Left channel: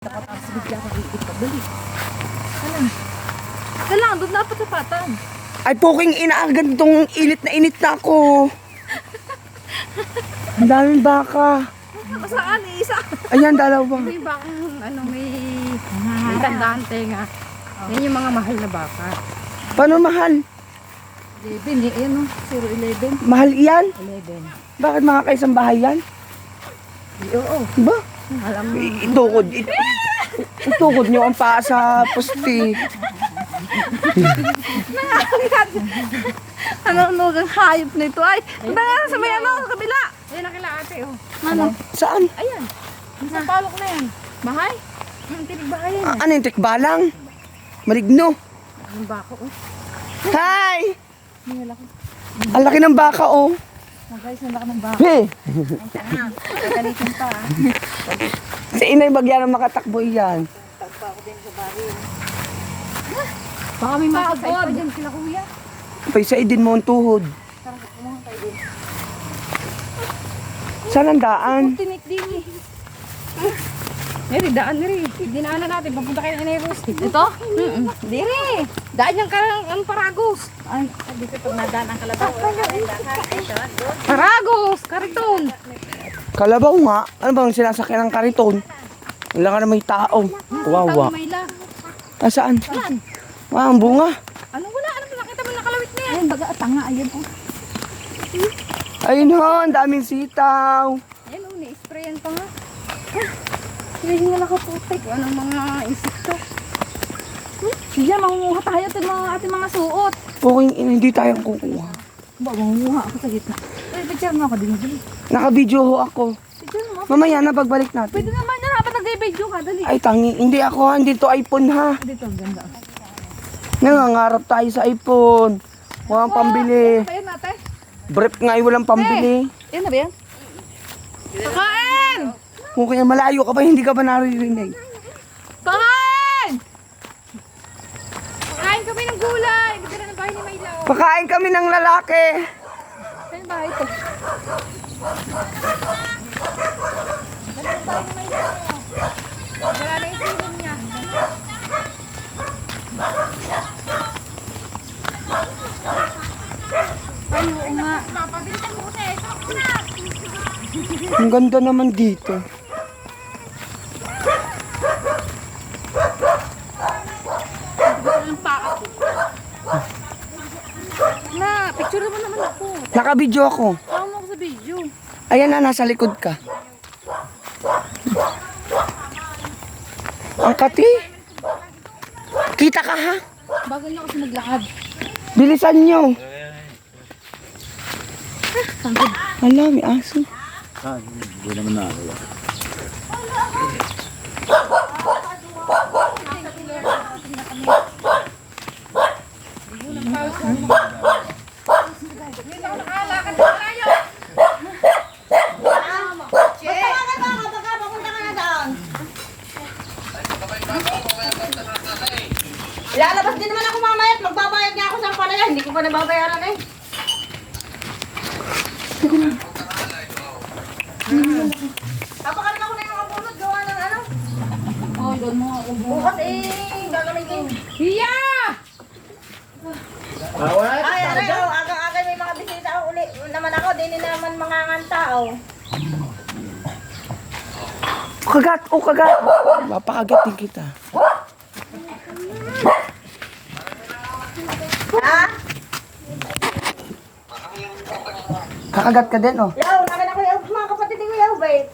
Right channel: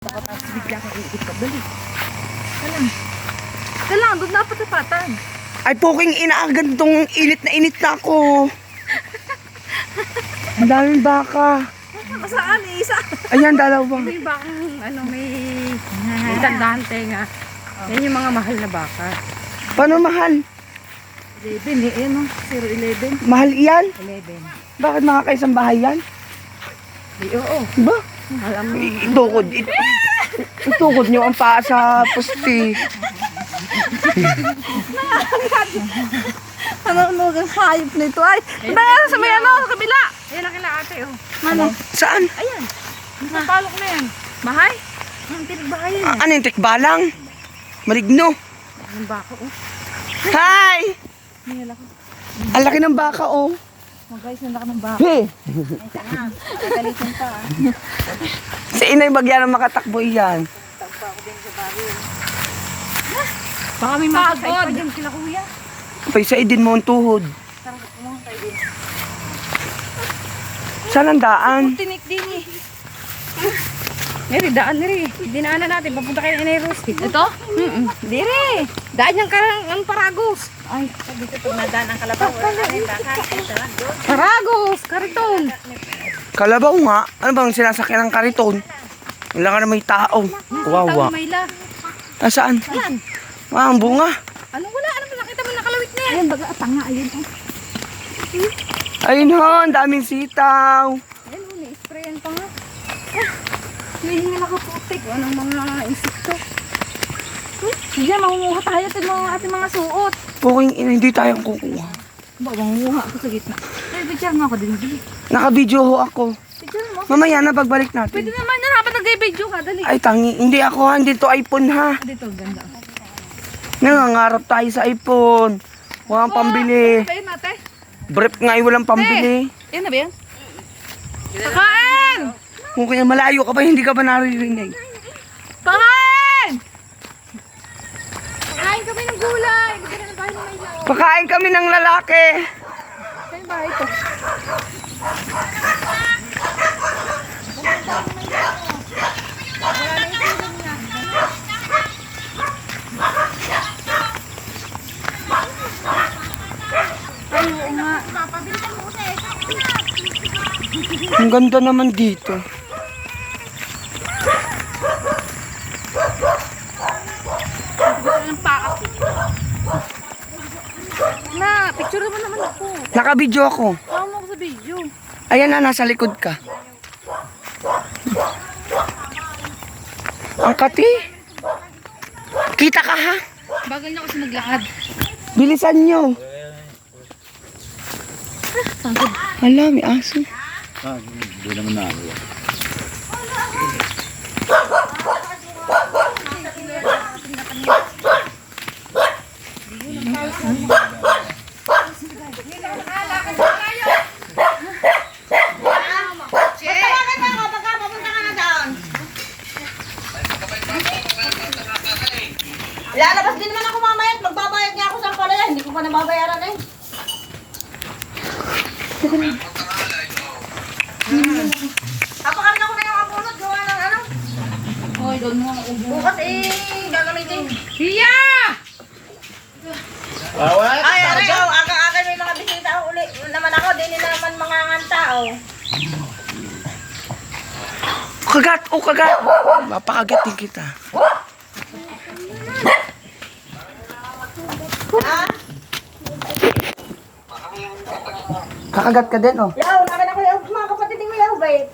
Tapos bigla kang iikot ka. Dali. Kalang, doon na patapatan. Ay, poking inaagan tong init na ako. Ang daming baka. Saan eh? Isa. Ayan, dalawa. May bakang may tandaan tenga. Yan yung mga mahal na baka. Paano mahal? 11 eh. Ano? 011. Mahal iyan? 11. Bakit mga kaisang bahay yan? Oo. Ba? Alam mo, Itukod nyo ang paa sa pusti. Ano ang hayop nito ay? Dahil sa may ano, sa kabila. yan ang kila ate oh. Ano? Saan? Ayan. Napalok na yan. Bahay? Ang tinigbahay yan. Ano yung tikbalang? Maligno. Yung baka oh. Hi! Nila ko. Ang laki ng baka, oh. Mga guys, nalaka ng baka. Hey! Kalitin ka. Si Inay Bagyan ang makatakbo iyan. Tagpa ako din sa baril. Baka may mga Pagod. Dyan sila kuya. Kapay sa idin mo ang tuhod. Tara, kumuha tayo din. Saan ang daan? Tinik din eh. Neri, daan neri. Dinaanan natin. Papunta kayo na Rose. Ito? Dire. Daan yung karang Paragos. Ay, dito pag nadaan ang kalabaw. Paragos! Kariton! Kalabaw nga. Ano bang sinasakyan ng kariton? Wala ka na may tao. Wawa. Mayla. Nasaan? Yan. Ah, ang bunga. Ano wala? Ano mo nakita mo nakalawit na yan? Ayun, baga, tanga, ayun. Oh. Ayun ho, ang daming sitaw. Yan oh, ni-sprayan pa nga. Hindi nga nakaputik. Anong mga insekto? Sige, mangunguha tayo ating mga suot. Puking ina, hindi tayong kukuha. Ba, mangunguha ako sa gitna. Ay, picture mo ako din. Naka-video ho ako. Picture mo. Mamaya na pagbalik natin. Pwede naman na dapat nag-video ka. Dali. Ay, tangi. Hindi ako ha. Hindi to iPhone ha. Dito, ang ganda. Nangangarap tayo sa iPhone. Walang pambili. Ayun natin. Brief nga ay walang pambili. Ayun na ba yan? Pakain! Kung kaya malayo ka ba, hindi ka ba naririnig? Pakain! Kain kami ng gulay! Hindi na bahay ni Mayla. Pakain kami ng lalaki. Ayun ba ito? Ay, oo nga. Ang ganda naman dito. Na, picture mo naman ako. Naka-video ako. Tama ako sa video. Ayan na, nasa likod ka. Ang kati. Kita ka ha? Bagal niya kasi maglakad. Bilisan nyo. Hala, may aso. Hindi naman na. Lalabas din naman ako mamaya at magbabayad nga ako sa palaya. Hindi ko pa nababayaran eh. Papakarga ko na yung abunod. Gawa ng ano. Hoy, doon mo ako. Bukas gagamitin. Hiya! Ay, araw. Aga-aga may mga bisita uli. Naman ako, din naman mga tao. Kagat, oh kagat. Mapakagat din kita. Ha? Kakagat ka din, oh. Yaw, naman ako yung mga kapatid ko yaw, babe.